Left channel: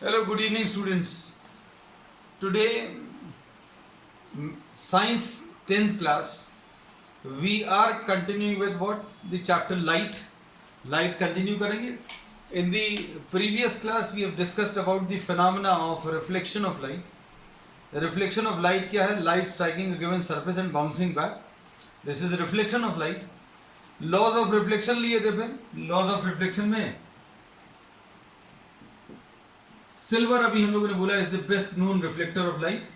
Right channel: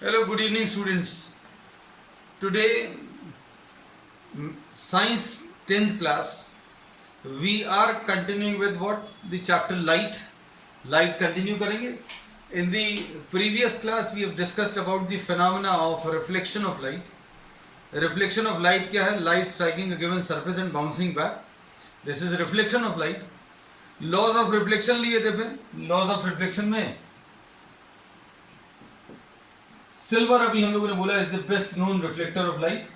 Hello, good evening, students. Today, Science 10th class, we are continuing with what? The chapter Light. Light continue करेंगे. In the previous class, we have discussed about the phenomena of reflection of light. Reflection of light क्या है? Light striking a given surface and bouncing back. This is reflection of light. Laws of reflection लिए थे फिर. Laws of reflection में silver अभी हम लोगों ने बोला is the best known reflector of light.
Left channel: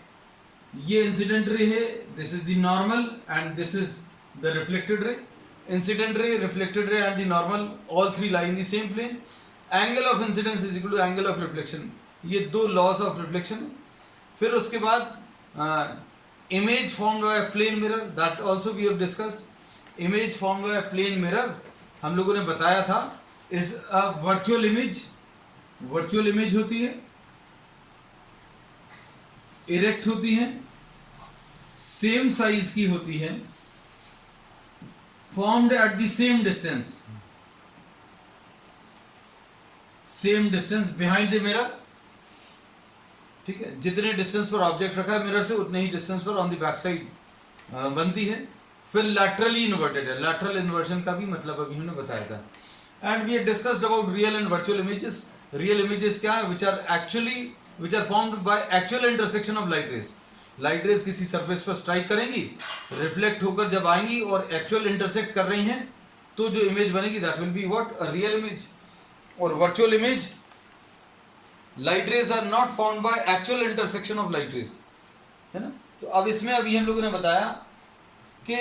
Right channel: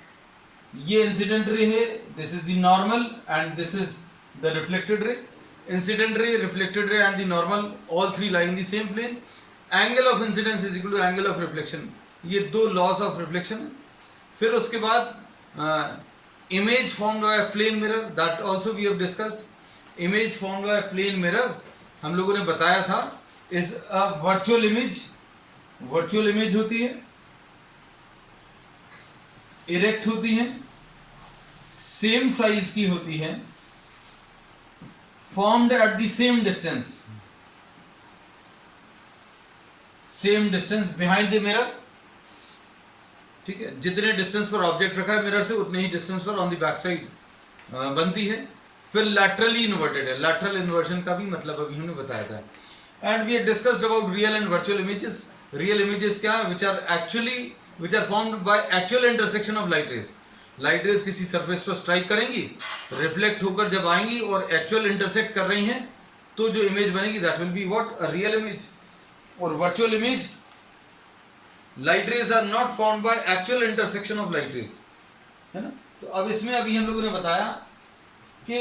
ये इंसिडेंट रे है, this is the normal and this is the reflected ray. Incident ray, reflected ray and the normal all three lie in the same plane. Angle of incidence is equal to angle of reflection. ये दो laws of reflection है. फिर उसके बाद image formed by plane mirror, that also we have discussed. Image formed by plane mirror हम लोगों ने बताया था is a virtual image. Virtual image होती है, इरेक्ट होती है, सेम साइज की होती है, formed at the same distance, same distance behind the mirror. ठीक है, जितने डिस्टेंस पर ऑब्जेक्ट रखा है मिरर से उतने ही डिस्टेंस पर ऑन द बैक साइड बनती है. फिर लैटरली इन्वर्टेड है. लैटरल इन्वर्जन का भी मतलब अभी हमने बताया था. And we have discussed about real and virtual images. Real images क्या है? which are formed by actual intersection of light rays. Light rays किसी सरफेस पर स्ट्राइक करेंगी, रिफ्लेक्ट होकर जब आएंगी और एक्चुअल इंटरसेक्ट कर रही हैं तो जो इमेज बनेगी that will be what? A real image. और virtual image, light rays are not formed by actual intersection of light rays, है ना. तो अब इसमें अभी हम लोगों ने बताया कि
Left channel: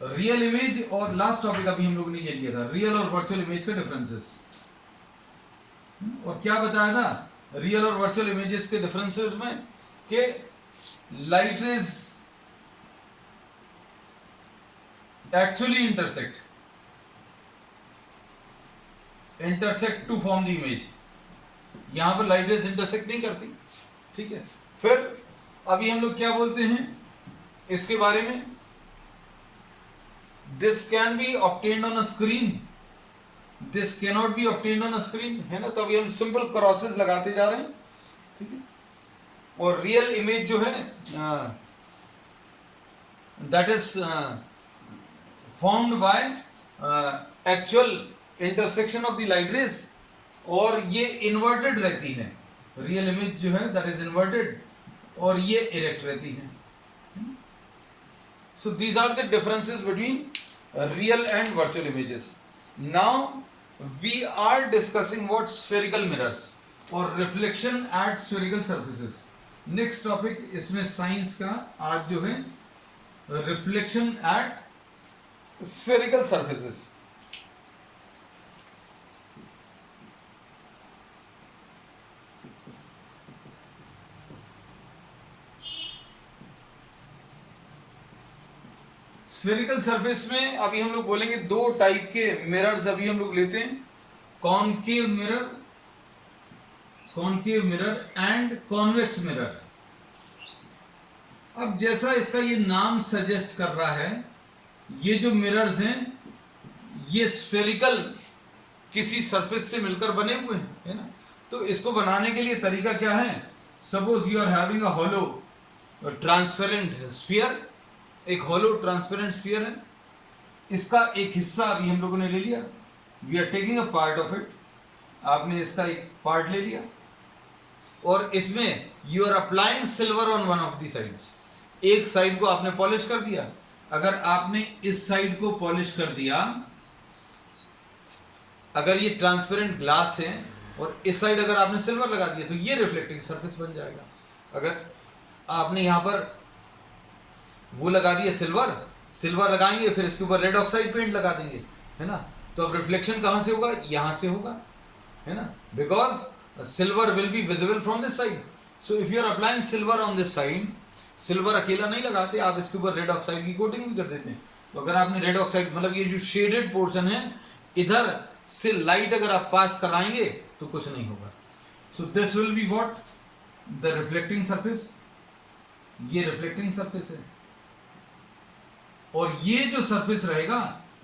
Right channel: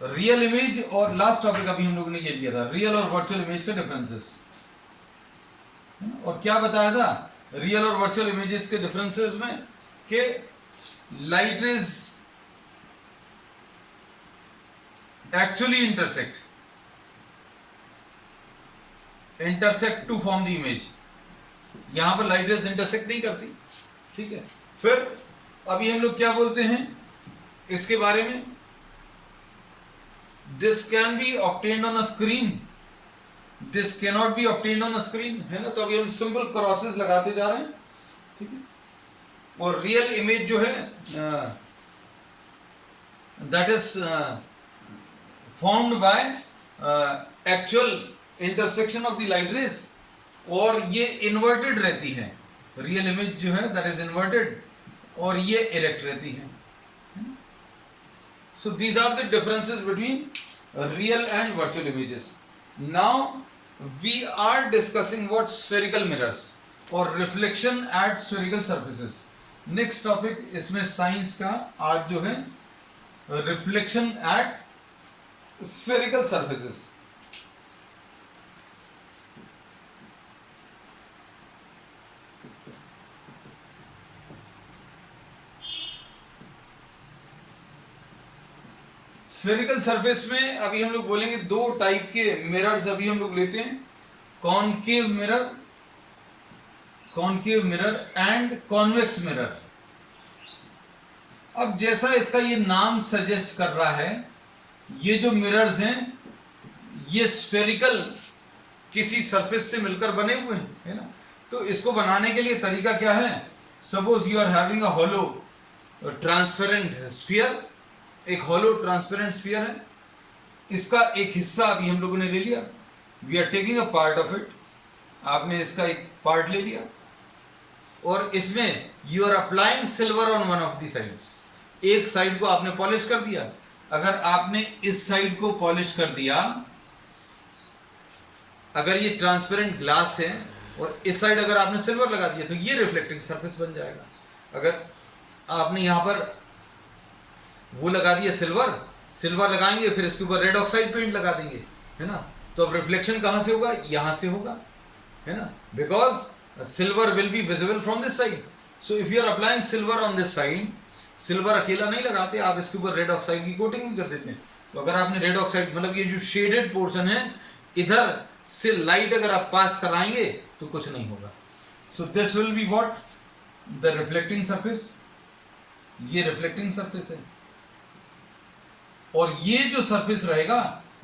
रियल इमेज और लास्ट टॉपिक अभी हम लोगों ने ये लिया था रियल और वर्चुअल इमेज के डिफरेंसेस. और क्या बताया था रियल और वर्चुअल इमेजेस के डिफरेंसेस में कि light rays actually intersect to form the image. यहां पर लाइट रेज इंटरसेक्ट नहीं करती. ठीक है. फिर अभी हम लोग क्या बोलते हैं इसके बारे में? This can be obtained on a screen, this can not be obtained on a screen, है ना. तो अभी हम सिंपल क्रॉसेस लगाते जा रहे हैं. ठीक है. और रियल इमेज जो है that is formed by actual intersection of the light rays, और ये इन्वर्टेड रहती है. रियल इमेज जो है दैट इज इन्वर्टेड और ये इरेक्ट रहती है. So these are the differences between real and virtual images. Now we are discussing what spherical mirrors or reflection at spherical surfaces. next topic इसमें science का आज जो है reflection at spherical surfaces. Spherical surface में अभी हम लोग बोलेंगे दो टाइप के मिरर्स अभी हम लोग लेते हैं. Concave mirror and convex mirror. अब जैसा इसका ये नाम सजेस्ट कर रहा है, ये जो मिरर्स हैं ये स्फेरिकल किसी सरफेस से मिलकर बने हुए हैं, है ना. तो इसको बनाने के लिए तरीका क्या है? Suppose you are having a hollow transparent sphere. एक होलो ट्रांसपेरेंट स्फीयर है, इसका एक हिस्सा अभी हम लोगों ने ले लिया. We are taking a part of it. आपने इसका एक पार्ट ले लिया और इसमें you are applying silver on one of the sides. एक साइड को आपने पॉलिश कर दिया. अगर आपने इस साइड को पॉलिश कर दिया, अगर ये ट्रांसपेरेंट ग्लास है और इस साइड अगर आपने सिल्वर लगा दिया तो ये रिफ्लेक्टिंग सरफेस बन जाएगा. अगर आपने यहां पर वो लगा दिया सिल्वर लगाएंगे, फिर इसके ऊपर रेड ऑक्साइड पेंट लगा देंगे, है ना. तो अब रिफ्लेक्शन कहां से होगा? यहां से होगा, है ना. Because silver will be visible from this side. So if you are applying silver on this side, silver अकेला नहीं लगाते, आप इसके ऊपर रेड ऑक्साइड की कोटिंग भी कर देते हैं. तो अगर आपने रेड ऑक्साइड मतलब ये जो शेडेड पोर्शन है इधर से लाइट अगर आप पास कराएंगे तो कुछ नहीं होगा. सो this will be what? The reflecting surface. ये रिफ्लेक्टिंग सरफेस है. और ये जो सरफेस रहेगा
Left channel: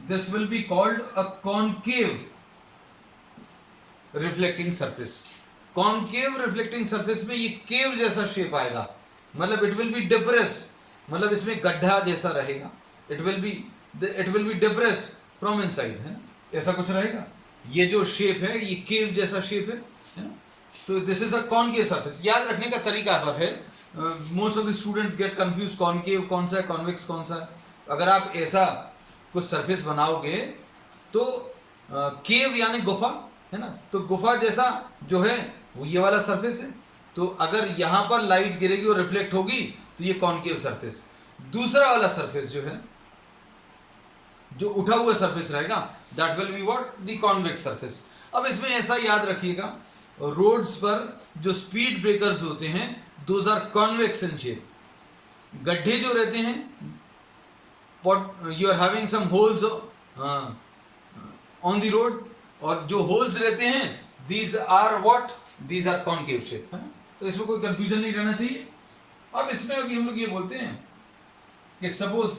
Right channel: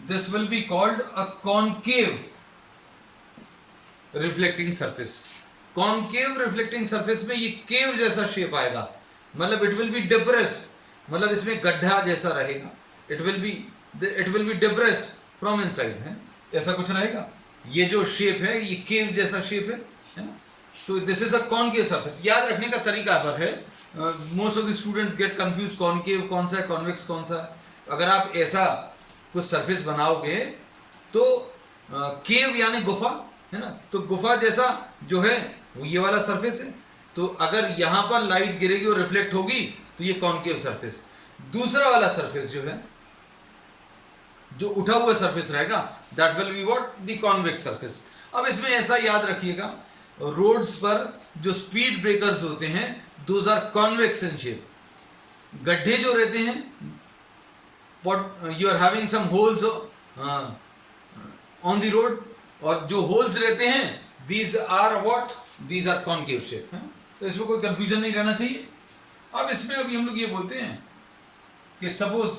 this will be called a concave reflecting surface. Concave reflecting surface में ये केव जैसा शेप आएगा, मतलब इट विल बी डिप्रेस्ड, मतलब इसमें गड्ढा जैसा रहेगा, it will be depressed from inside, है ऐसा कुछ रहेगा। ये जो शेप है ये केव जैसा शेप है ना। तो this is a concave surface. याद रखने का तरीका पर है, most of the students get confuse, concave कौन सा है, कॉन्वेक्स कौन सा है। अगर आप ऐसा कुछ सरफेस बनाओगे तो केव यानी गुफा, है ना, तो गुफा जैसा जो है वो ये वाला सरफेस है। तो अगर यहां पर लाइट गिरेगी और रिफ्लेक्ट होगी तो ये कॉनकेव सरफेस। दूसरा वाला सरफेस जो है, जो उठा हुआ सरफेस रहेगा, that will be what, the convex surface. अब इसमें ऐसा याद रखिएगा, रोड्स पर जो स्पीड ब्रेकर्स होते हैं those are convex in shape. गड्ढे जो रहते हैं, you are having some holes on the road, और जो होल्स रहते हैं these are what, these are concave shape, है। तो इसमें कोई कंफ्यूजन नहीं रहना चाहिए। अब इसमें अभी हम लोग ये बोलते हैं कि suppose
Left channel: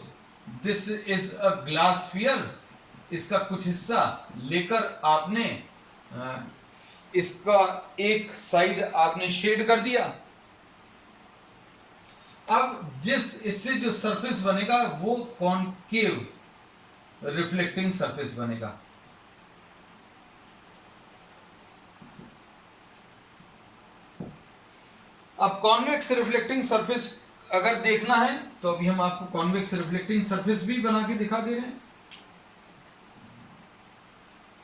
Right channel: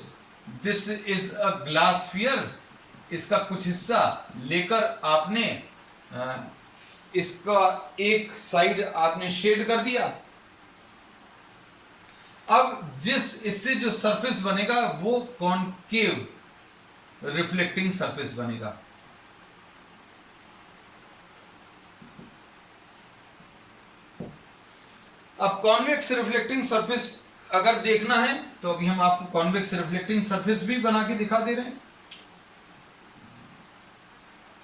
this is a glass sphere, इसका कुछ हिस्सा लेकर आपने इसका एक साइड आपने शेड कर दिया। अब इससे जो सरफेस बनेगा वो कॉनकेव रिफ्लेक्टिंग सरफेस बनेगा। अब कॉन्वेक्स रिफ्लेक्टिंग सरफेस अगर देखना है तो अभी हम आपको कॉन्वेक्स रिफ्लेक्टिंग सरफेस भी बना के दिखा दे रहे हैं।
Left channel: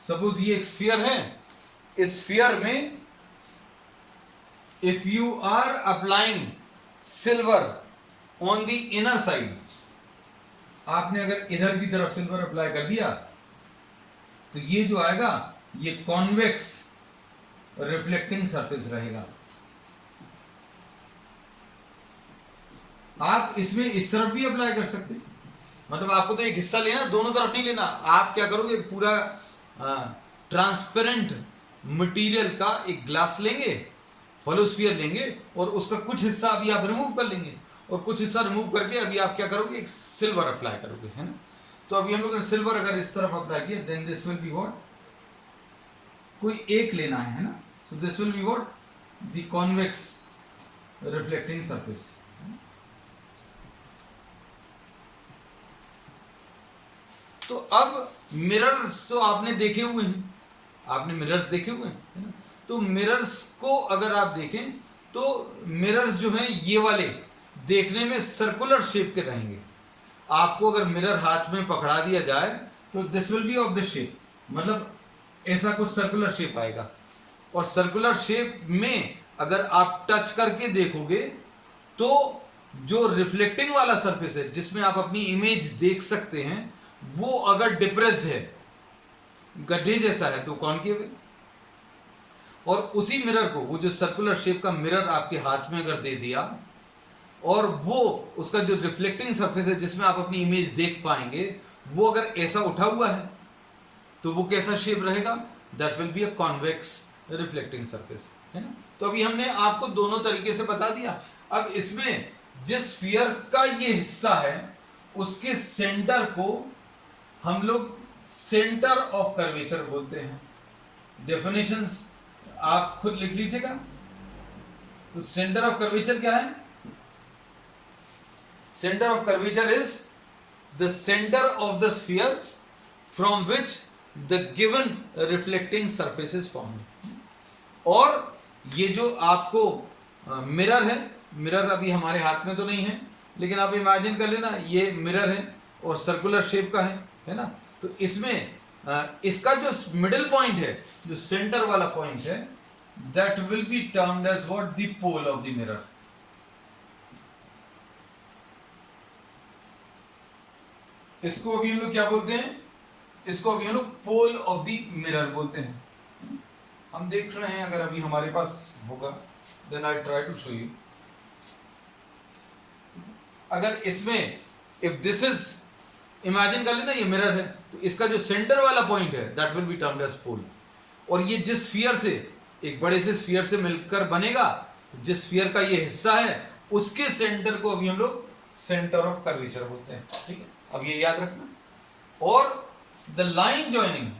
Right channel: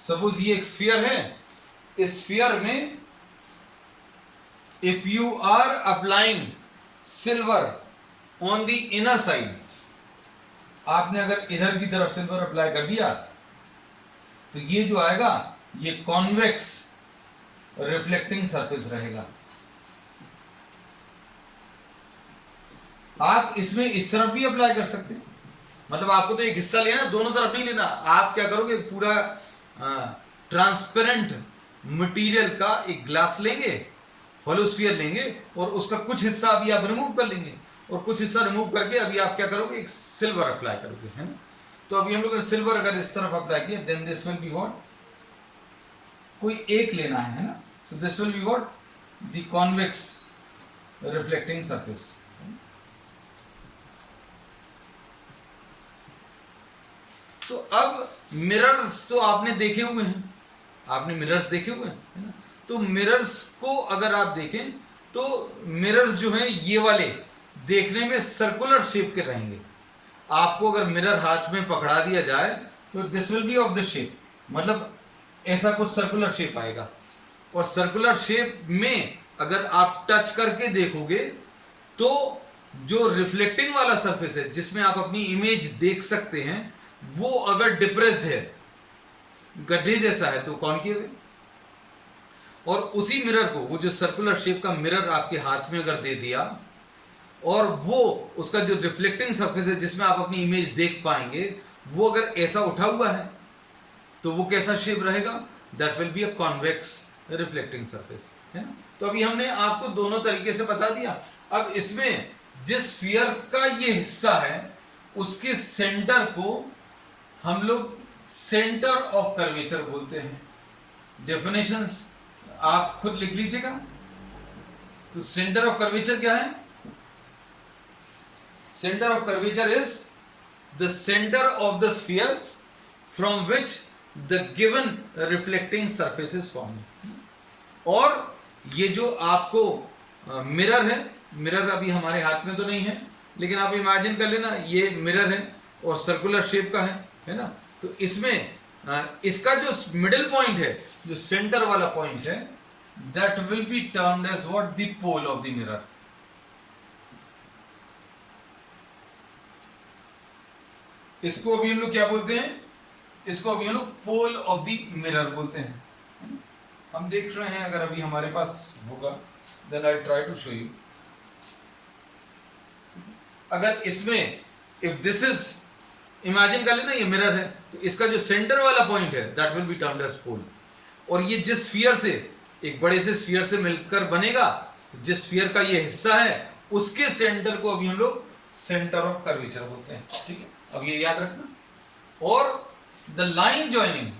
सपोज ये एक स्फीयर है, इस स्फीयर में if you are applying silver on the inner side, आपने अगर इधर की तरफ सिल्वर अप्लाई कर दिया तो ये जो आएगा ये कॉन्वेक्स रिफ्लेक्टिंग सरफेस रहेगा। आप इसमें इस तरफ भी अप्लाई कर सकते हैं, मतलब आपको तो एक हिस्सा लेना, दोनों तरफ नहीं लेना। आप क्या करोगे, पूरा ट्रांसपेरेंट मटेरियल का एक ग्लास लेंगे, होलो स्फीयर लेंगे, और उसका कुछ हिस्सा अभी आप रिमूव कर लेंगे, और कुछ हिस्सा रिमूव करके अभी आप क्या करोगे, एक सिल्वर अप्लाई करोगे, है ना। तो अभी हम लोग सिल्वर अगर इस तरफ अप्लाई किया, then this will be what, कोई एक लेना है ना, so this will be what, the convex reflecting surface. तो अब मिरर्स तो आपने देखे हुए हैं, आपने मिरर्स देखे हुए हैं, है ना। तो मिरर्स को अगर आप देखें तो मिरर्स जो हैं ये वाले देखने में सर्कुलर शेप के रहेंगे। आपको अगर मिरर हाथ में पकड़ा दिया जाए तो this will B of the shape, मतलब ऐसा कुछ सर्कुलर शेप आएगा। और सर्कुलर शेप में अगर आप टच करके देखोगे तो जो रिफ्लेक्टिंग वाला सरफेस है जिसमें आप अपनी इमेज देख सकते हैं, वो अगर डिप्रेस्ड है, गड्ढे जैसा है, तो कॉनकेव है। और उसी मिरर को, वो जो सर्कुलर शेप का मिरर आपके हाथ में अगर दे दिया, और वो उसका जो रिफ्लेक्टिंग सरफेस है जिसमें आप अपनी इमेज देख पाएंगे, वो अगर ऐसा उठा हुआ है तो वो कैसा शेप रहेगा, that will be a convex reflecting surface, है ना। तो अभी हमने आपको दोनों तरीके से बता दिया। अब इसमें जिस स्फीयर का ये हिस्सा है उसके सेंटर को हम लोग सेंटर ऑफ कर्वेचर बोलते हैं। डेफिनेशंस आप खुद लिख लीजिएगा। तो सेंटर ऑफ कर्वेचर क्या है? Centre of curvature is the centre of the sphere from which the given reflecting surface is formed. और ये जो आपको मिरर है, मिरर अभी हमारे हाथ में तो नहीं है, लेकिन आप इमेजिन कर लेना ये मिरर है और सर्कुलर शेप का है ना। तो इसमें इसका जो मिडिल पॉइंट है, जो सेंटर वाला पॉइंट है, that will be termed as what, the pole of the mirror. इसको अभी हम लोग क्या बोलते हैं? इसको अभी हम लोग पोल ऑफ द मिरर बोलते हैं। हम देख रहे हैं, अगर अभी हमारे पास होगा then I try to show you. अगर इसमें इफ दिस इज, इमेजिन कर लेना ये मिरर है, तो इसका जो सेंटर वाला पॉइंट है that will be termed as pole. और ये जिस स्फीयर से, एक बड़े से स्फीयर से मिलकर बनेगा, तो जिस स्फीयर का ये हिस्सा है उसके सेंटर को अभी हम लोग सेंटर ऑफ कर्वेचर बोलते हैं। ठीक है, अब ये याद रखना। और द लाइन जॉइनिंग,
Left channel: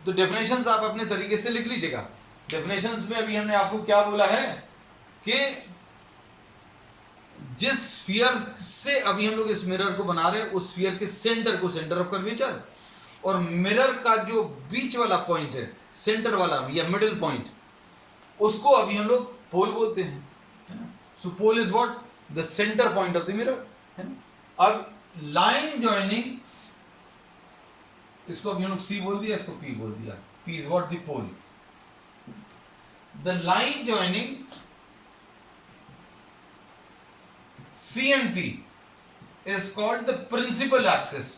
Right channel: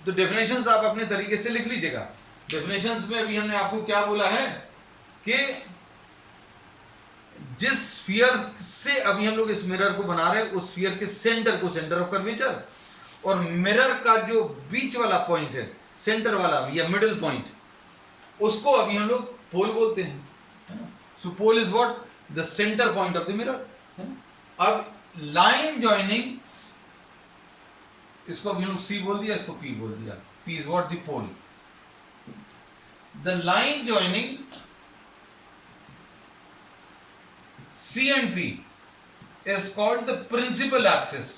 तो डेफिनेशंस आप अपने तरीके से लिख लीजिएगा। डेफिनेशंस में अभी हमने आपको क्या बोला है कि जिस स्फीयर से अभी हम लोग इस मिरर को बना रहे हैं उस स्फीयर के सेंटर को सेंटर ऑफ कर्वेचर, और मिरर का जो बीच वाला पॉइंट है, सेंटर वाला या मिडिल पॉइंट, उसको अभी हम लोग पोल बोलते हैं, है ना। So pole is what, the centre point of the mirror, है ना। अब लाइन जॉइनिंग, इसको अभी हम लोग सी बोल दिया, इसको पी बोल दिया। P is what, the pole. The line joining C and P is called the principal axis.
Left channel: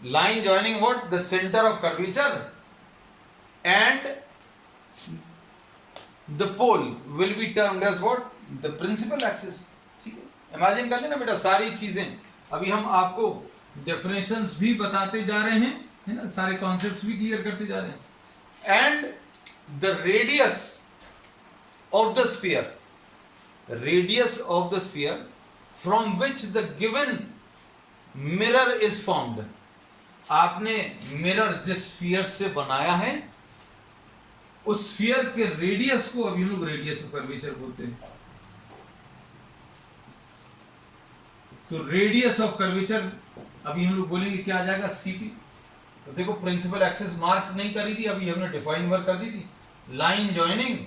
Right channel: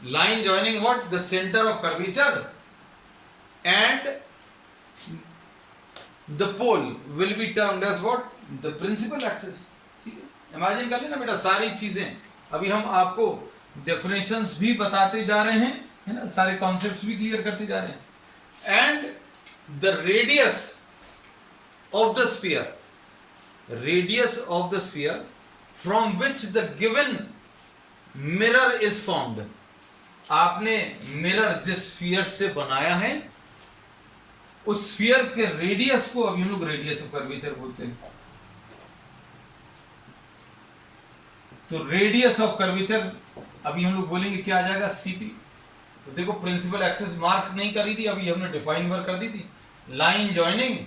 Line joining what? The center of curvature, and the pole will be termed as what? The principal axis. ठीक है, imagine कर लेना बेटा, सारी चीजें अभी हम आपको डेफिनेशंस भी बताते जा रहे हैं, है ना, सारे कॉन्सेप्ट्स भी क्लियर करते जा रहे हैं। And the radius of the sphere, radius of the sphere from which the given mirror is formed. आपने मिरर जिस स्फीयर से बनाया है उस स्फीयर के रेडियस को अभी हम लोग रेडियस ऑफ कर्वेचर बोलते हैं। तो रेडियस ऑफ कर्वेचर अभी हम लोग बोलेंगे क्या आ जाएगा, सीपी। तो देखो प्रिंसिपल एक्सिस मार्क नहीं करी थी, अभी हमने डिफाइन वर्क कर दी थी। लाइन जॉइनिंग,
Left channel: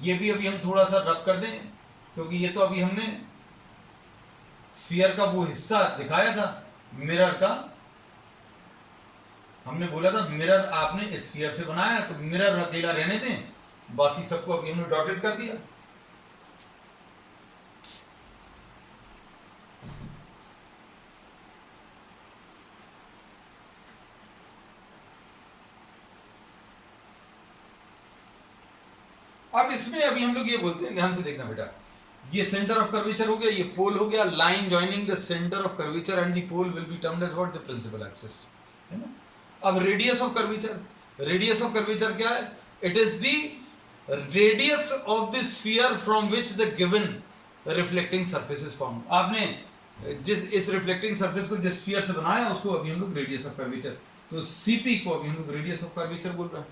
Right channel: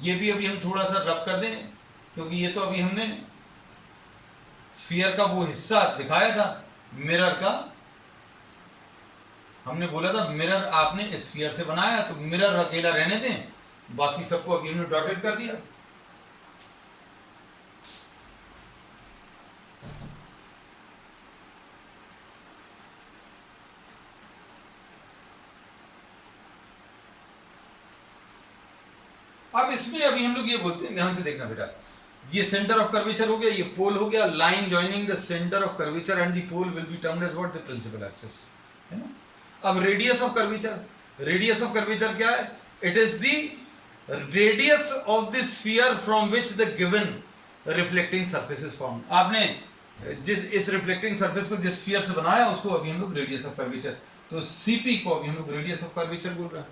ये भी अभी हम थोड़ा सा रब कर दें, क्योंकि ये तो अभी हमने स्फीयर का वो हिस्सा दिखाया था मिरर का। हमने बोला था मिरर आपने स्फीयर से बनाया, तो मिरर अकेला रहने दें, बाकी सबको अभी हमने डॉटेड कर दिया। अब इसमें अभी हम लोग ये बोलते हैं, ध्यान से देखना बेटा, ये सेंटर ऑफ कर्वेचर हो गया, ये पोल हो गया। Line joining the centre of curvature and the pole will be termed as what, the principal axis, है ना। अब radius of curvature, radius of curvature क्या है? It is the radius of the sphere from which the given reflecting surface is formed. आपने जिस इस reflecting surface को जिस स्फीयर से बनाया उसको अभी हम लोग रेडियस ऑफ कर्वेचर, तो सीपी को अभी हम लोग रेडियस ऑफ कर्वेचर बोल रहे हैं।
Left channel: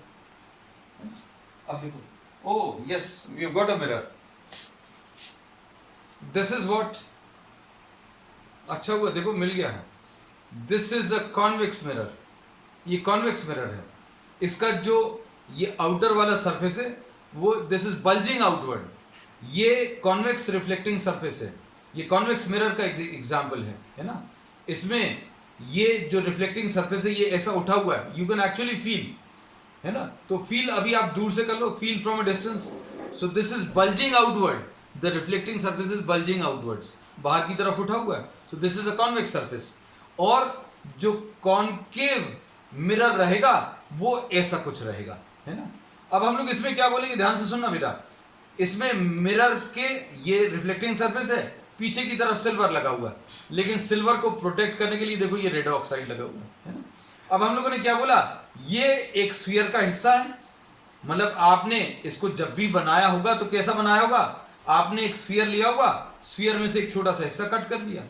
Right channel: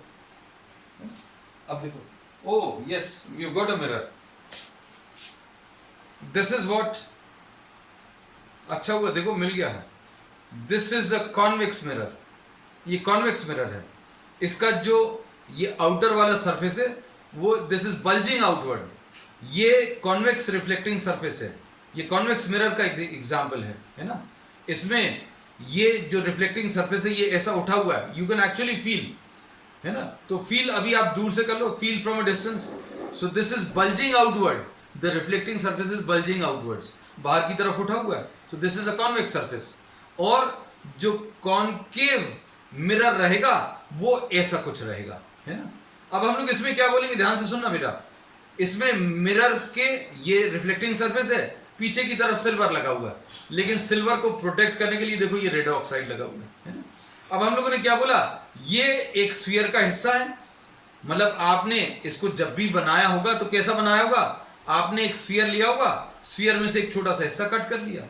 अब देखो, oh yes, you got a mirror. This is what, अच्छा हुआ देखो मिल गया है। This is a convex mirror. ये convex mirror है। इसका जो ये आउटर वाला सरफेस है वो this is bulging outward. ये convex reflecting surface है। ये convex mirror का एग्जाम्पल है ना। इसमें ये जो रिफ्लेक्टिंग सरफेस है ये ऐसा उठा हुआ है, you can actually feel, है ना। तो फील अभी आप दूर से कर लो, feel from a distance. So this is bulging outward, the reflecting surface is bulging outwards, बाहर की तरफ उठा हुआ है। So this is a convex surface. और जो कॉनकेव मिरर रहेगा वो ऐसा कुछ रहेगा, है ना। अब हम लोग इसमें क्या बोलेंगे, ध्यान से सुनना बेटा। इसमें मिरर के ये रिफ्लेक्टिंग सरफेस है, पीछे की तरफ सिल्वर लगा हुआ है, लेकिन सिल्वर को प्रोटेक्ट करने के लिए देखो ये रेड ऑक्साइड लगा हुआ है ना। अब हम लोगों ने क्या बोला, ये एक स्फीयर का हिस्सा है, मतलब आपने इसको जब भी बनाया होगा तो कैसा बनाया होगा, आपने एक स्फीयर लिया होगा, स्फीयर में से एक छोटा सा हिस्सा कट कर लिया,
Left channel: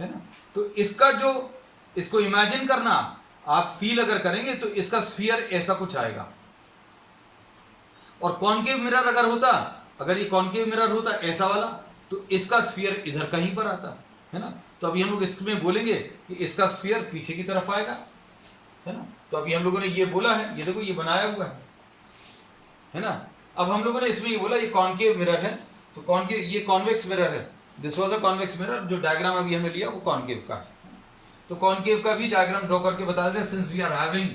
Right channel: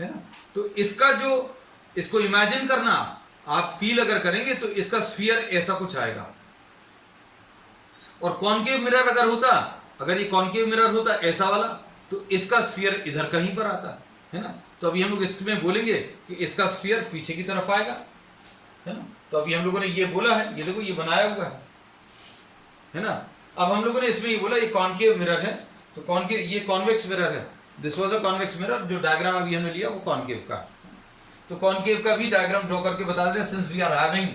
है ना। तो इसका जो, इसको इमेजिन करना, आप फील अगर करेंगे तो इसका स्फीयर ऐसा कुछ आएगा। और कॉनकेव मिरर अगर होता, अगर ये कॉनकेव मिरर होता ऐसा वाला, तो इसका स्फीयर इधर कहीं पर आता, है ना। तो अभी हम लोग इसमें बोलेंगे कि इसका स्फीयर पीछे की तरफ आएगा, है ना। तो अभी हम लोगों ने ये बोला है, ये देखो ये बनाया हुआ है ना। अब हम लोगों ने इसमें ये बोला ये कॉनकेव मिरर है, तो कॉनकेव, ये कॉन्वेक्स मिरर है। This was a convex mirror, जो डायग्राम अभी हमने लिया वो कॉनकेव का। तो कॉनकेव का भी डायग्राम ड्रॉ करके बता दें, since we are having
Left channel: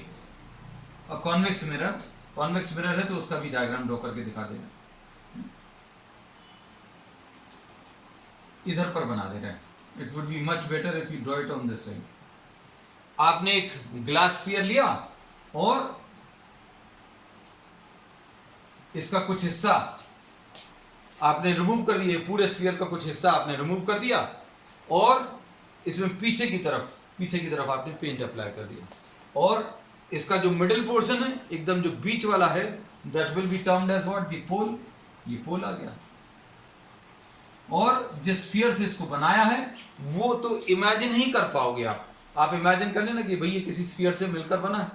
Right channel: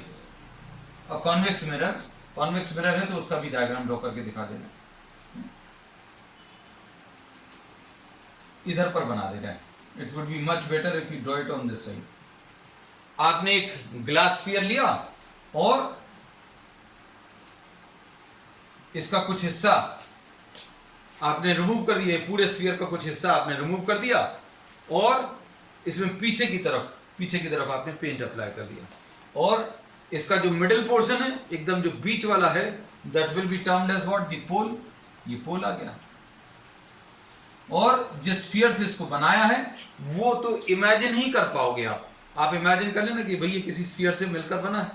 a convex mirror, convex mirror है तो उसका भी डायग्राम ड्रॉ करके दिखा देना, इधर पर बना दे रहे हैं। It would be much better if you draw it on this side. आपने एक ग्लास स्फीयर लिया और इसका कुछ हिस्सा आपने रिमूव कर दिया, पूरे स्फीयर का कुछ हिस्सा आपने रिमूव कर दिया, और इसमें पीछे की तरफ आपने पेंट अप्लाई कर दिया, और इसका जो मिडिल पोर्शन है, एकदम जो बीच वाला है, that will be termed as what, the pole. ये पोल आ गया। और जिस स्फीयर से इसको बनाया है वो तो इमेजिन ही कर पाओगे आप इमेजिन कर लेना कि भाई ये किसी स्फीयर से मिलकर बना है।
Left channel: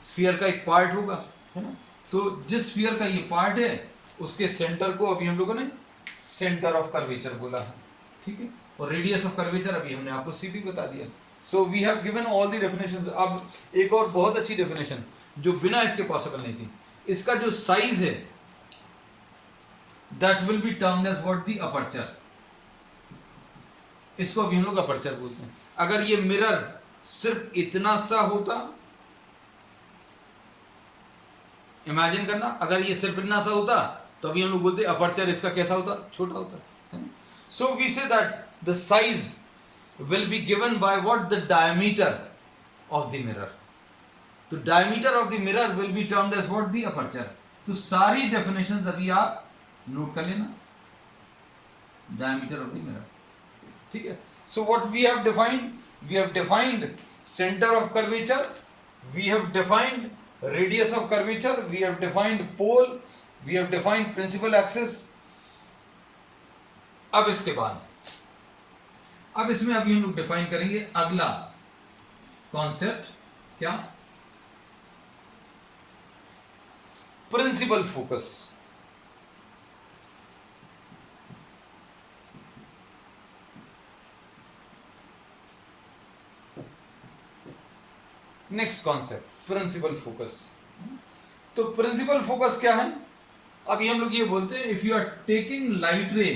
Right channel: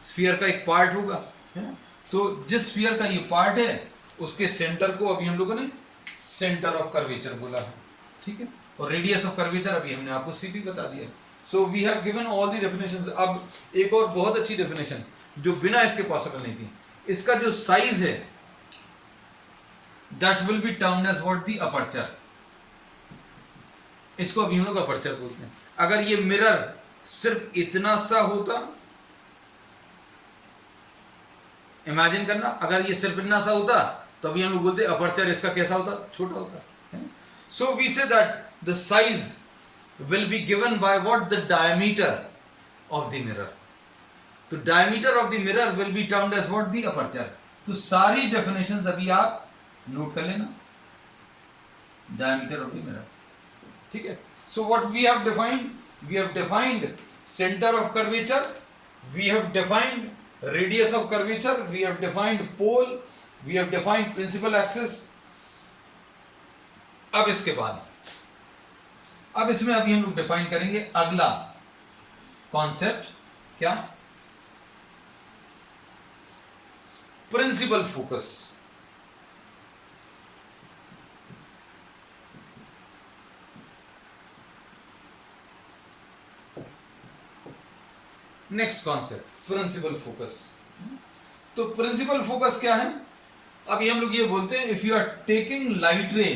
स्फीयर का एक पार्ट होगा, है ना। तो जिस स्फीयर का ये पार्ट है उसके सेंटर को अभी हम लोगों ने सेंटर ऑफ कर्वेचर बोला है, ठीक है। और रेडियस ऑफ कर्वेचर अभी हमने आपको सी भी बता दिया। So we have given all the definitions. अब एक और बहुत अच्छी डेफिनेशन जो बिना इसके पॉसिबल नहीं थी, इसका जो साइज है that will be termed as what the aperture. इसको अभी हम लोग अपर्चर बोलते हैं। अगर ये मिरर सिर्फ इतना सा होता, इमेजिन करना, अगर ये सिर्फ इतना सा होता तो अभी हम लोग बोलते अपर्चर इसका कैसा होता, छोटा होता। So we say that the size will be given by what, the diameter of the mirror. तो diameter of the mirror will be termed as what, the aperture. तो सारी डेफिनेशंस अभी आप नोट कर लेना, डायमीटर ऑफ द मिरर, ठीक है। So what we have defined centre of curvature, we have defined radius of curvature, we have defined pole, we have defined principal axis। अब इसके बाद, अब इसमें अभी हम लोग डिफाइन करेंगे अगला कॉन्सेप्ट, क्या, principal focus. Next concept principal focus. तो प्रिंसिपल फोकस क्या है, अभी हम लोग ये बोलते हैं if you are taking light ray,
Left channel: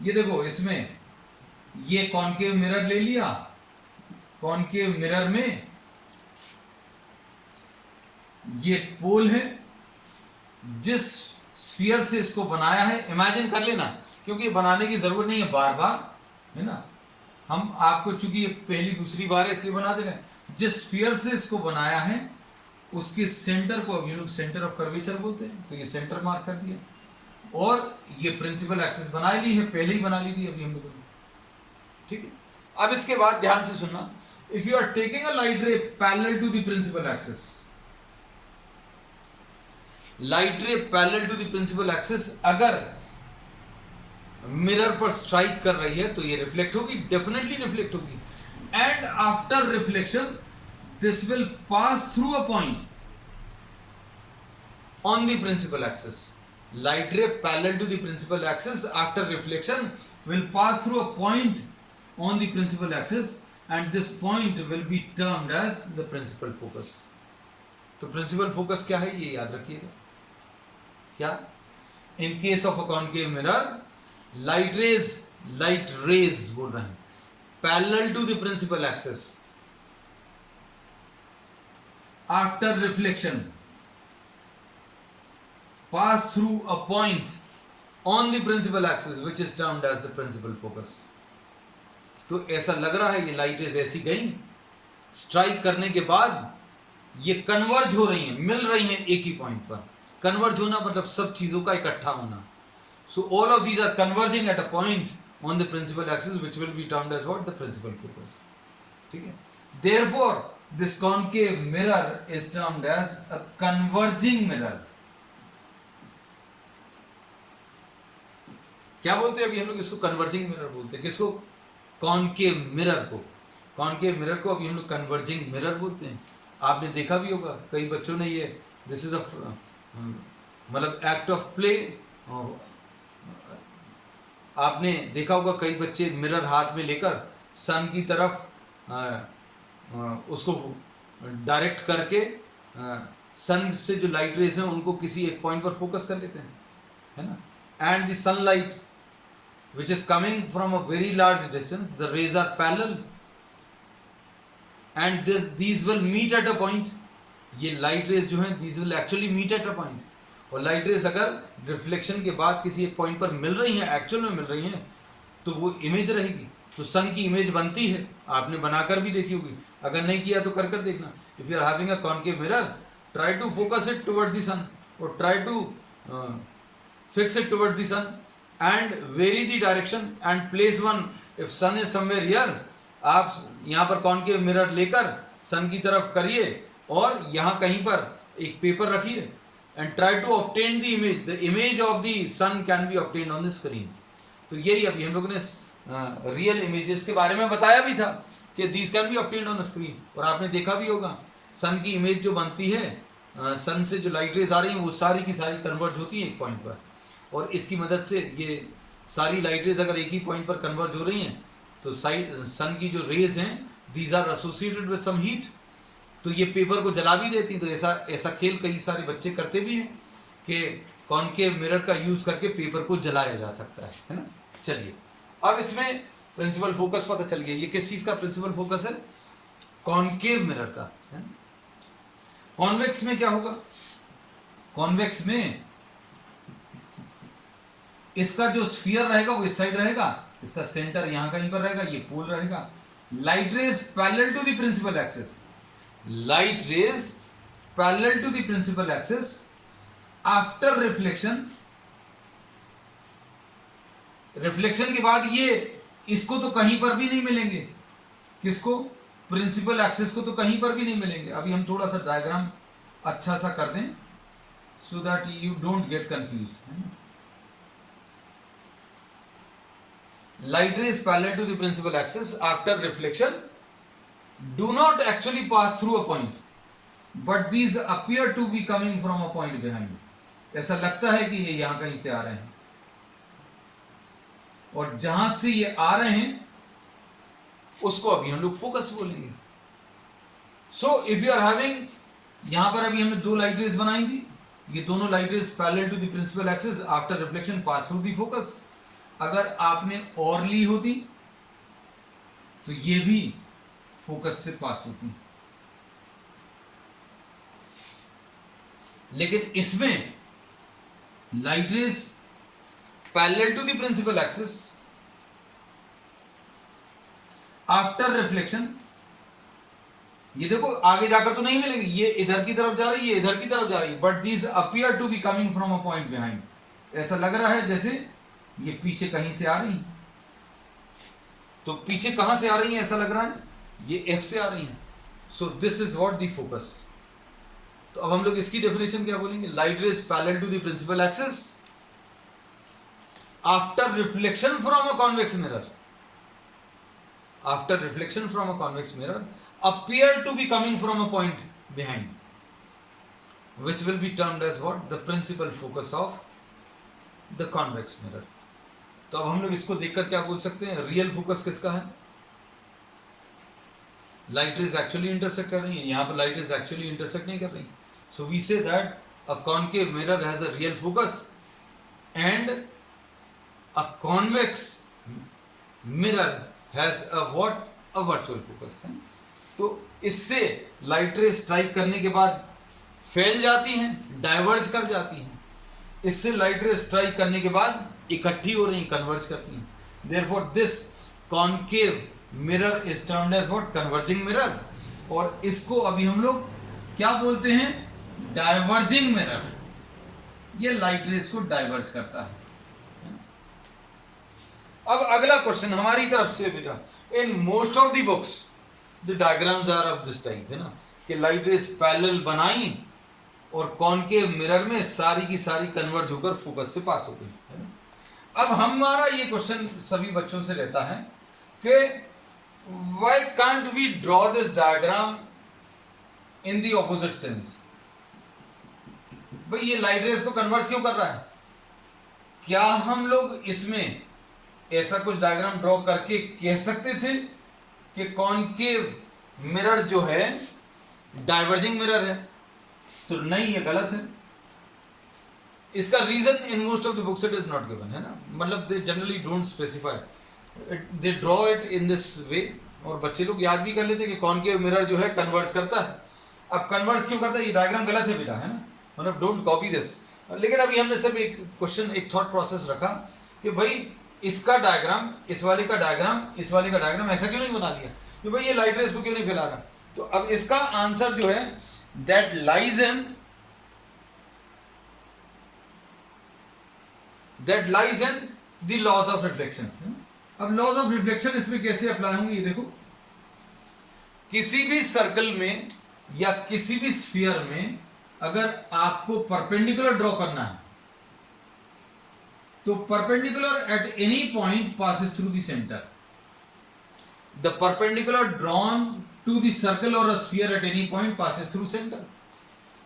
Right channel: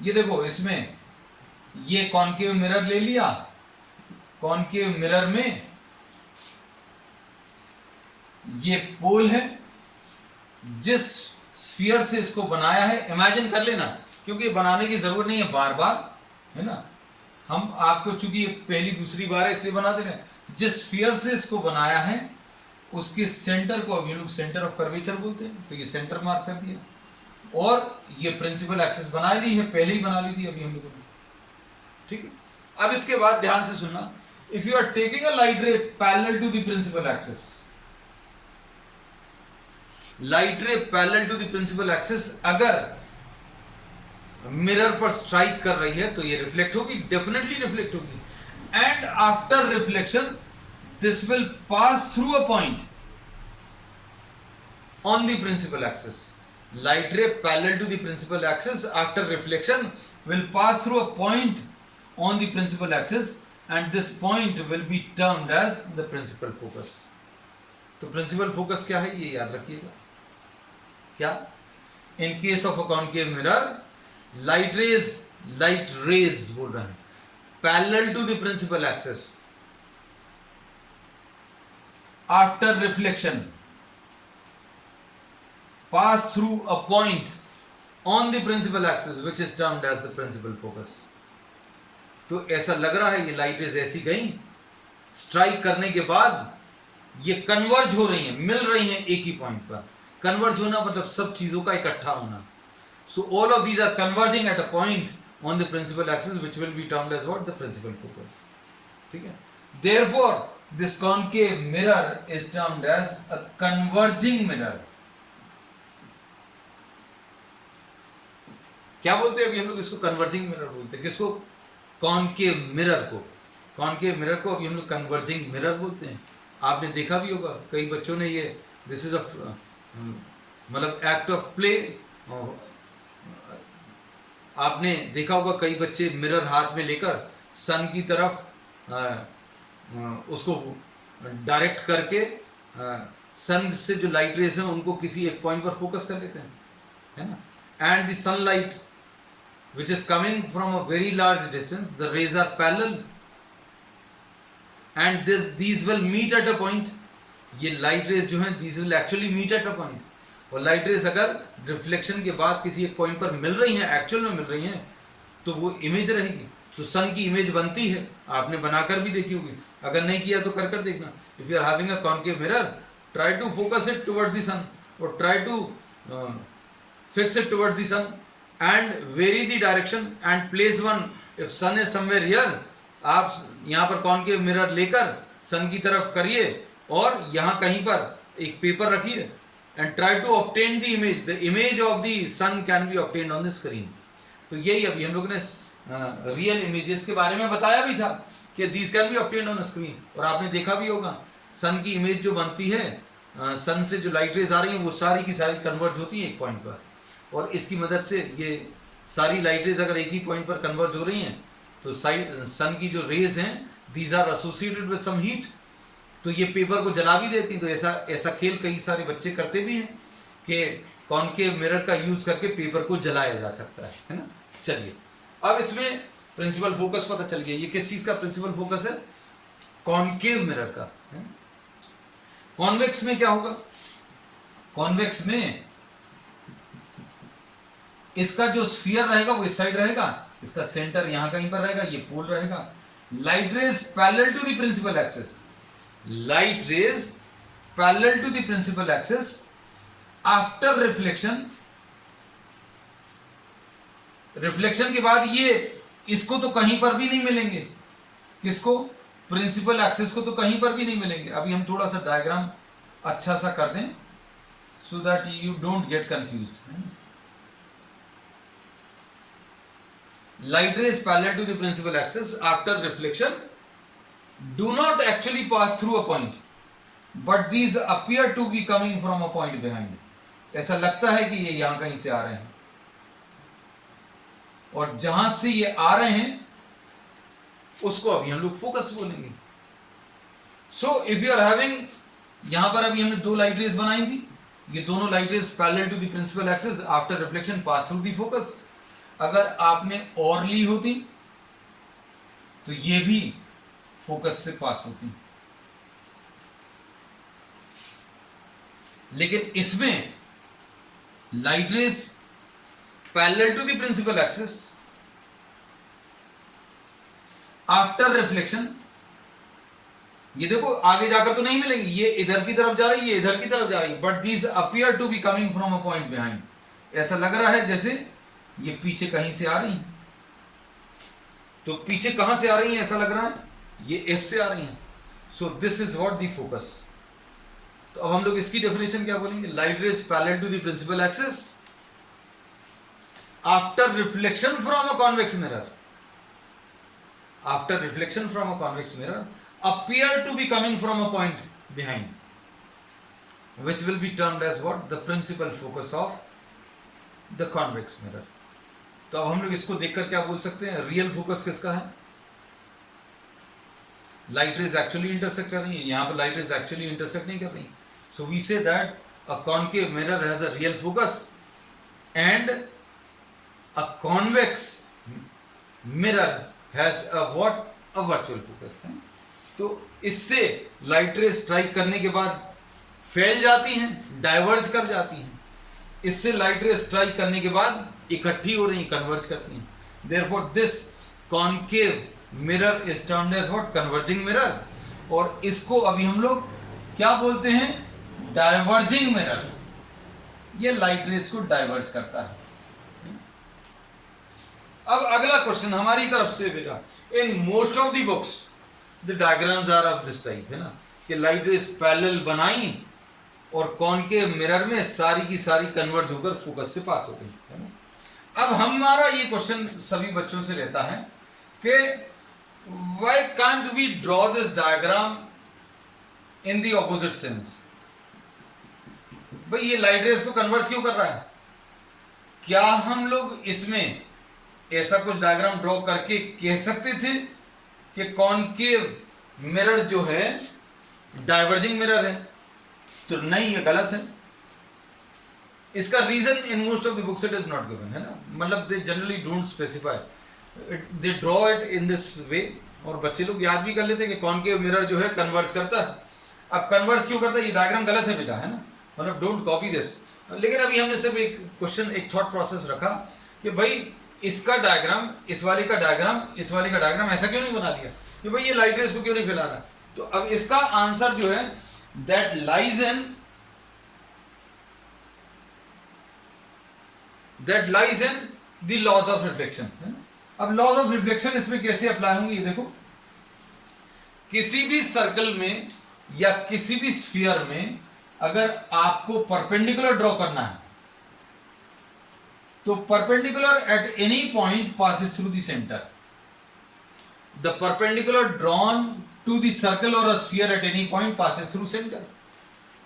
ये देखो इसमें ये कॉनकेव मिरर ले लिया, कॉनकेव मिरर में ये पोल है, जिस स्फीयर से इसको बनाया है, इमेजिन कर लेना, क्योंकि बनाने की जरूरत नहीं है बार बार, है ना। हम आपको चूंकि ये पहली दूसरी बार है इसलिए बना दे रहे हैं। जिस स्फीयर से इसको बनाया है उसके सेंटर को अभी लोग सेंटर ऑफ कर्वेचर बोलते हैं, तो ये सेंटर मार्क कर दिया, और ये प्रिंसिपल एक्सिस बना ली है, पहले ही बना ली थी अभी हम लोगों ने, ठीक है। अब इसके बाद ध्यान से सुनना, if you are taking a light ray parallel to the principal axis, light ray parallel to the principal axis अगर मिरर पर स्ट्राइक कर रही है तो ये रिफ्लेक्ट होगी, डेफिनेटली रिफ्लेक्ट होगी। And after reflection this will pass through a point on the principal axis. Light ray parallel to the principal axis after reflection will pass through a point on the principal axis and this point will be termed as the principal focus. तो principal focus क्या है ये याद रखिएगा, क्या, in case of a concave mirror light rays बोल रहे हैं parallel to the principal axis after reflection pass through a point on the principal axis which is termed as the principal focus. तो ऐसा लग रहा है ये लाइट रेज ऐसी गई, स्ट्राइक करने के बाद ये कन्वर्ज हो रही हैं, मिल रही हैं एक ही पॉइंट पर। कन्वर्ज होना मतलब सब चीजों का इकट्ठा होना। So all of these are converging at a point on the principal axis which will be termed as what, the principal focus, ठीक है। Therefore this concave mirror is termed as a converging mirror। क्या बोलते हैं अभी हम लोग इसको, converging mirror बोलते हैं। किसको, कॉनकेव मिरर को, कॉनकेव मिरर को अभी हम लोग कन्वर्जिंग मिरर बोलते हैं। आपने देखा भी होगा कई बच्चों ने ये, दिस इज अ मतलब एक्ट ऑफ प्ले, आपने देखा होगा कई बच्चे मिरर हाथ में लेकर सन की तरफ उसको डायरेक्ट करके सन से जो लाइट रेज हैं उनको किसी एक पॉइंट पर फोकस कर लेते हैं, है ना। And the sunlight which is coming from a very large distance, the rays are parallel and these will meet at a point. ये लाइट रेज जो हैं these will actually meet at a point. और light rays अगर reflection के बाद किसी एक point पर मिल रही हैं, एक्चुअल में मिल रही हैं, तो वो इमेज रहेगी। तो सन की इमेज बनती है, आपने बनाकर भी देखी होगी, अगर नहीं किया तो कर देखना। If you are having a concave mirror, try to focus it towards the sun और try to fix it towards the sun and very the direction and place one. If sun is somewhere here, आप यहाँ पर concave mirror लेकर सन की तरफ करिए और यहाँ कहीं पर एक पेपर रखिए and try to obtain the image. The image of the sun can be obtained on the screen. तो यही अभी हम लोगों ने रियल इमेजेस के बारे में बताया भी था कि these can be obtained on screen. और आपने देखा भी होगा सन की इमेज जो बनती है, सन से जो लाइट रेज आ रही हैं वो सारी की सारी कन्वर्ज होती हैं एक पॉइंट पर, और इसकी मदद से ये सारी लाइट रेज अगर एक ही पॉइंट पर कन्वर्ज हो रही हैं तो सन की जो रेज हैं these are associated with some heat, तो ये पेपर को जला भी देती हैं। तो ऐसा खेल कई सारे बच्चे करते भी हैं कि कॉनकेव मिरर का यूज़ करके पेपर को जलाया जा सकता है ना। चलिए अब इसमें प्रिंसिपल फोकस पता चल गया, ये किस चीज़ का प्रिंसिपल फोकस है, कॉनकेव मिरर का। कॉन्वेक्स में क्या होगा, कॉन्वेक्स में इसका जो स्फीयर रहेगा वो इस साइड रहेगा, इसका सेंटर यहां कहीं पर रहेगा, ये पोल रहेगा। Light rays parallel to the principal axis, light rays parallel to the principal axis after reflection, reflection के बाद ये इसको तो कहीं पर भी नहीं मिलेंगे, किसको, प्रिंसिपल एक्सिस को तो कहीं पर भी नहीं मिलेंगे। अभी हम थोड़ा सा डायग्राम अच्छा सा कर दें so that you don't get confused. Light rays parallel to the principal axis after reflection do not actually pass through a point, but these appear to be coming from a point behind. ऐसा लगता है कि ये यहां कहीं से आ रहे हैं, और जहां से ये आ रहे हैं उसको अभी हम लोग फोकस बोलेंगे। So if you are having, यहां पर अभी हमने दो लाइट रेज बनाई थी, ये दोनों light rays parallel to the principal axis after reflection pass through the focus. अगर आपने और ली होती तो ये भी फोकस से पास होती, लेकिन इसमें light rays parallel to the principal axis after reflection, ये देखो आगे जाकर तो नहीं मिलेंगी, ये इधर की तरफ जा रही है, ये इधर की तरफ जा रही है, but these appear to be coming from a point behind. ऐसा लग रहा है जैसे ये पीछे कहीं से आ रही हैं। तो पीछे कहां से आ रही हैं, ऐसा लग रहा है ये एफ से आ रही हैं। So this is what the focus. तो अब हम लोग इसकी डेफिनेशन क्या बोलेंगे, light rays parallel to the principal axis after reflection from a convex mirror, after reflection from a convex mirror appear to be coming from a point behind, which will be termed as what, the principal focus of the convex mirror. तो अब हम लोग इसको देखकर क्या बोल सकते हैं, रियल फोकस किसका है, लाइट रेज एक्चुअली इंटरसेक्ट कर रही है, यहां पर लाइट रेज एक्चुअली इंटरसेक्ट नहीं कर रही। So we say that a concave mirror has a real focus and a convex mirror has a what, a virtual focus. तो इससे लाइट रेज स्ट्राइक करने के बाद फैल जाती हैं, डाइवर्ज कर जाती हैं, इससे लाइट रेज स्ट्राइक करने के बाद इकट्ठी हो रही हैं, कन्वर्ज करती हैं। Therefore this concave mirror is termed as what, converging mirror. और इसको अभी हम लोग क्या बोलते हैं, डाइवर्जिंग मिरर। ये लाइट रेज को डाइवर्ज करता है। अब अगला क्वेश्चन हमारी तरफ से बेटा, in most of the books the diagrams are of this type, है ना, कि लाइट रेज पैरेलल बनाई और कॉनकेव मिरर में सारी की सारी कन्वर्ज होकर फोकस से पास हो गई, है ना। अब हमारा ये क्वेश्चन सभी बच्चों से रहता है कि why can't we draw this diagram in the opposite sense. भाई ये लाइट रेज को कन्वर्ज क्यों कर रहा है, क्या हम लोग इसमें ऐसा कुछ डायग्राम ड्रॉ करके कह सकते थे कि कॉनकेव मिरर जो है डाइवर्जिंग मिरर है? तो नहीं, ये गलत है। इसका reason in most of the books it is not given, है ना, मतलब they generally don't specify, they draw it in this way, और बच्चे लोग याद भी कर लेते हैं कि कॉनकेव मिरर जो है कन्वर्ज करता है। अब कन्वर्ज क्यों करता है, ये डायग्राम गलत है बेटा, है ना, मतलब डोंट कॉपी दिस। लेकिन अभी हमने सब एक क्वेश्चन, एक थॉट प्रोसेस रखा कि भाई इसका डायग्राम, इस वाले का डायग्राम, इस वाले का डायग्राम ऐसा क्यों नहीं बना लिया कि भाई ये लाइट रेज को क्यों नहीं फैला रहा। तो अब इसका आंसर जो है that lies in the laws of reflection. अब लॉज ऑफ रिफ्लेक्शन इसमें कैसे अप्लाई होंगे, ये देखो, किसी भी सर्कल में या किसी भी स्फीयर में अगर आपको परपेंडिकुलर ड्रॉ करना है तो perpendicular at any point passes through the centre. The perpendicular drawn to the circle और a sphere at any point passes through centre.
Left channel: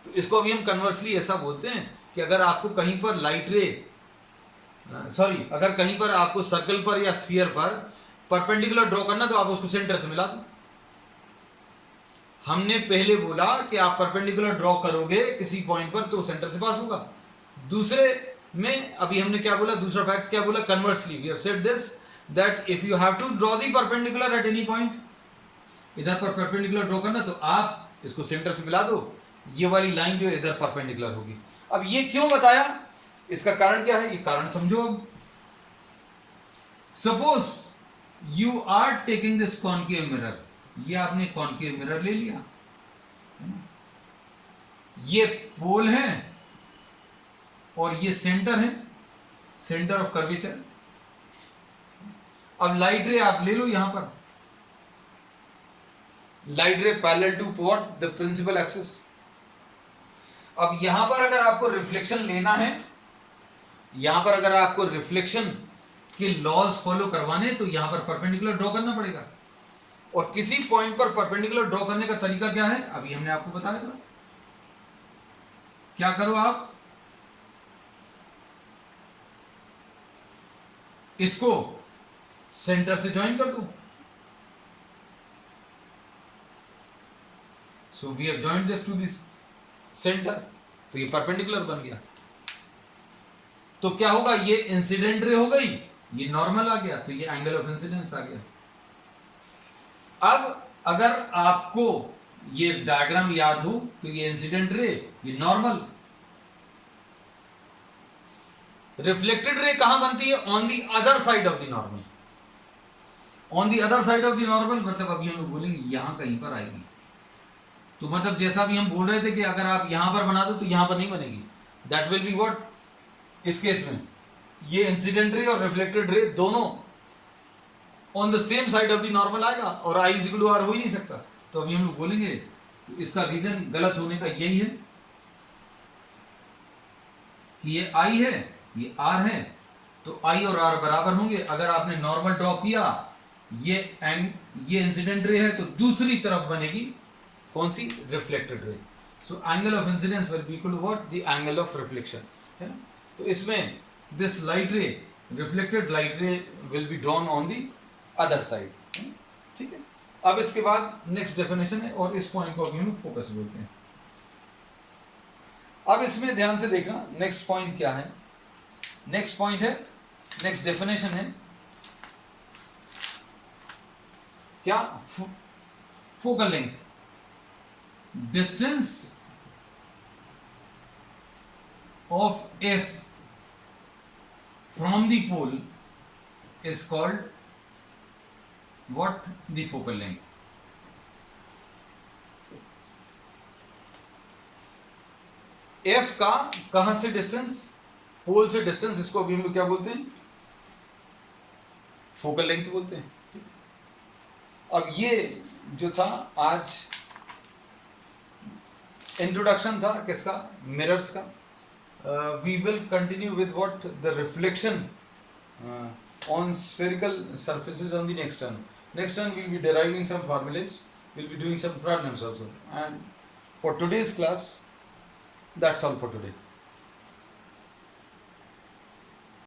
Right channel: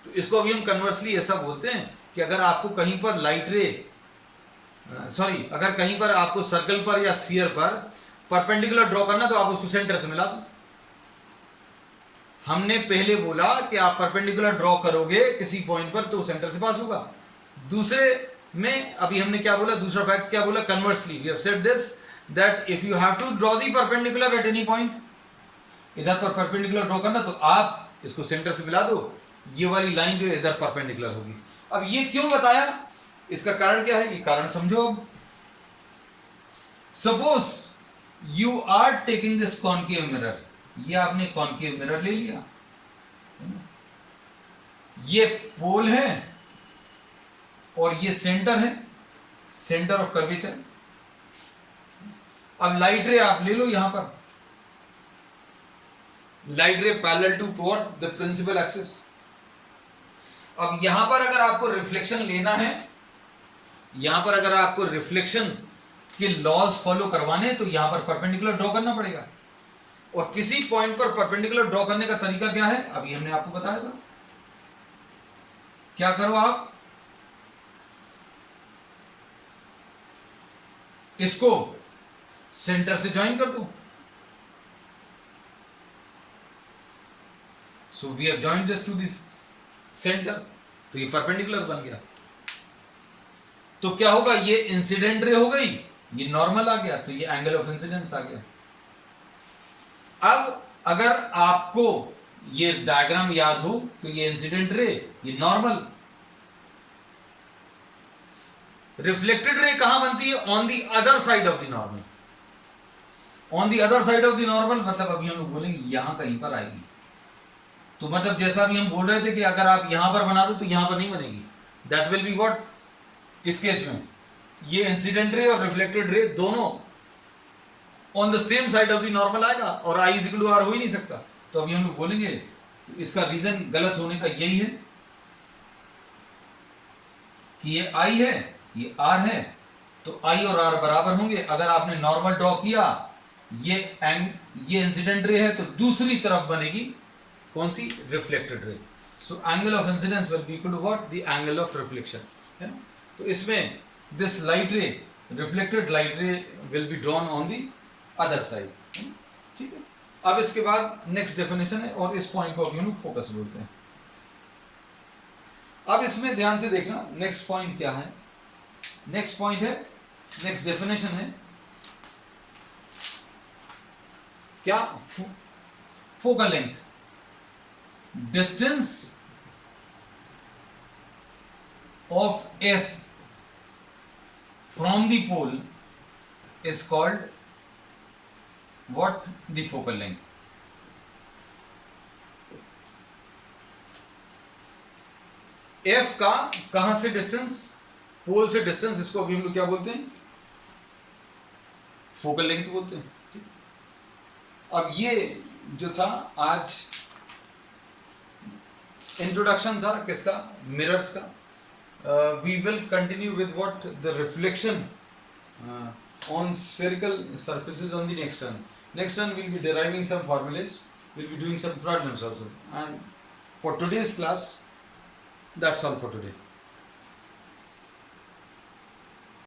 तो इसको अभी हम कन्वर्सली ऐसा बोलते हैं कि अगर आपको कहीं पर लाइट रे अगर कहीं पर आपको सर्कल पर या स्फीयर पर परपेंडिकुलर ड्रॉ करना तो आप उसको सेंटर से मिला दो। हमने पहले बोला कि आप परपेंडिकुलर ड्रॉ करोगे किसी पॉइंट पर तो सेंटर से पास होगा। दूसरे में अभी हमने क्या बोला, दूसरा फैक्ट क्या बोला, conversely we have said this that if you have to draw the perpendicular at any point, इधर पर परपेंडिकुलर ड्रॉ करना तो आप इसको सेंटर से मिला दो, ये वाली लाइन जो इधर परपेंडिकुलर होगी। अब ये क्यों बताया, इसका कारण क्या है, ये कारण समझो। अब suppose you are taking this concave mirror, ये आपने कॉनकेव मिरर ले लिया, ये पोल है और ये सेंटर है, सेंटर ऑफ कर्वेचर। अब लाइट रे आप ले लो, यहां पर light ray parallel to what, the principal axis. अब यहां पर अगर आपको रिफ्लेक्शन लेना है, यहां पर अगर आपको रिफ्लेक्शन के लॉज फॉलो करवाने तो यहां पर परपेंडिकुलर ड्रॉ करना पड़ेगा। और किसी पॉइंट पर परपेंडिकुलर ड्रॉ करने का तरीका क्या है, अभी हमने आपको बताया था। क्या करो आप, इसको सेंटर से ज्वाइन कर दो। So we have joined this to this centre, तो ये परपेंडिकुलर बन गया। तो क्या होगा, ये इंसिडेंट रे हो गई, ये नॉर्मल आ गया, तो ये एंगल ऑफ इंसिडेंस आ गया। अब अगर आपको ये डायग्राम याद हो तो ये इंसिडेंट रे, ये नॉर्मल। रिफ्लेक्टेड रे कहां बनती है, on the other side of the normal. On the other side of the normal मतलब अभी हम लोग बोलेंगे यहां कहीं पर आएगी। तो मतलब जैसा भी हम बोल रहे थे कि अगर आप यहां पर बना दो तो यहां पर नहीं बनेगी, दैट विल बी व्हाट, इस केस में ये इंसिडेंट रे और रिफ्लेक्टेड रे दोनों on the same side of the normal आएगा, और I is equal to are हो ही नहीं सकता। तो अभी हम लोग बोलेंगे, तो इसका रीजन गलत होने का यही है कि ये आई है, ये आर है, तो आई और आर बराबर होंगे। अगर आपने नॉर्मल ड्रॉ किया, ये इंसिडेंट रे है, तो दूसरी तरफ बनेगी कौन सी, reflected ray. So angle of incidence will be equal to what, the angle of reflection. तो इसमें this light ray, reflected light ray will be drawn on the other side. ठीक है, अब इसके बाद नेक्स्ट डेफिनेशन है, और इस पॉइंट को अभी हम लोग फोकस बोलते हैं। अब इसमें ध्यान से देखना, नेक्स्ट पॉइंट क्या है। नेक्स्ट पॉइंट है, नेक्स्ट डेफिनेशन है क्या, focal length, distance of F from the pole is called what, the focal length. F का कहां से डिस्टेंस, पोल से डिस्टेंस, इसको अभी हम लोग क्या बोलते हैं, फोकल लेंथ बोलते हैं। अब ये जो था आज इंट्रोडक्शन था किसका, मिरर्स का। We will continue with what, the reflection on spherical surfaces on the next turn. Next turn we'll be deriving some formulas, we'll be doing some problems also, and for today's class that's all for today.